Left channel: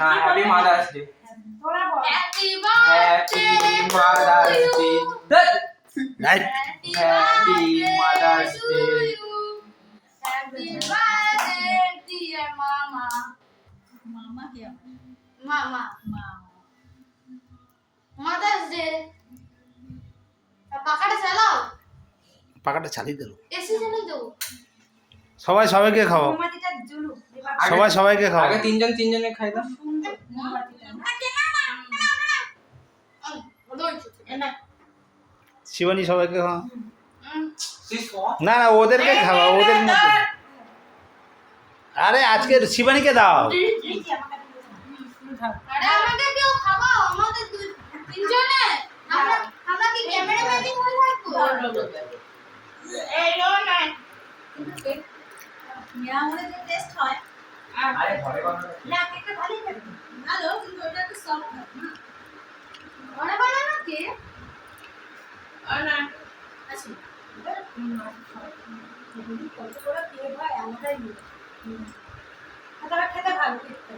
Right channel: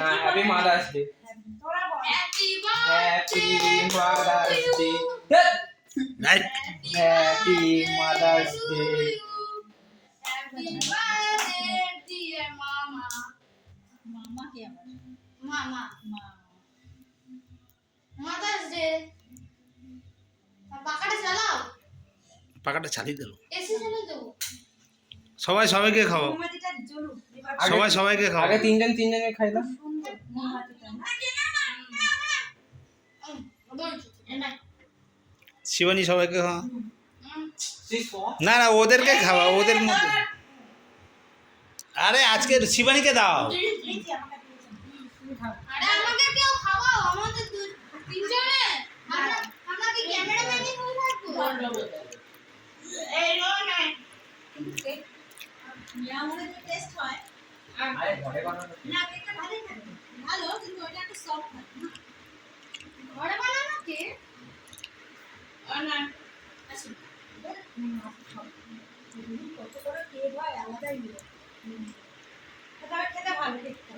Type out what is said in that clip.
না happy mother's day. তোরা বল happy mother's day. Right happy mother's day. Happy birthday dear মামা। মামা কে আমার মামা মা মাদার্স ডে। পাখাটা চালাও, পাখাটা চালিয়ে দিল এসি চালিয়ে দাও। সবাই সবাইকে খাও মোমবাতিটা জ্বলুক এবার সবাই সবাইকে খাও আগে তিনজনকে খাই দাও। সুন্দর মোমবাতিটা না শিবানী সবাইকে খাও সিস না না ওদেরকে খাওয়া ওদের মধ্যে আরে আজকে শিবানীকে দাও এই যে আমার কাছে তুমি খাও আরে আমাকে কেউ খাওয়াও, আমাদের তিনজনে। আমরা কি ক্যামেরাম্যানই হয়ে থাকবো? এই নো না মেয়া মনে যে টেস্ট হয় আরে ঘরে বানানো। না কেকটা ভালোই থাকে ভালো কিন্তু ওটা একটু সফট থাকে না ওরা বানানো কে? না আচ্ছা এবার কত করে কেক হয় আমাদের নিয়ে খেতে ভালো কেকটা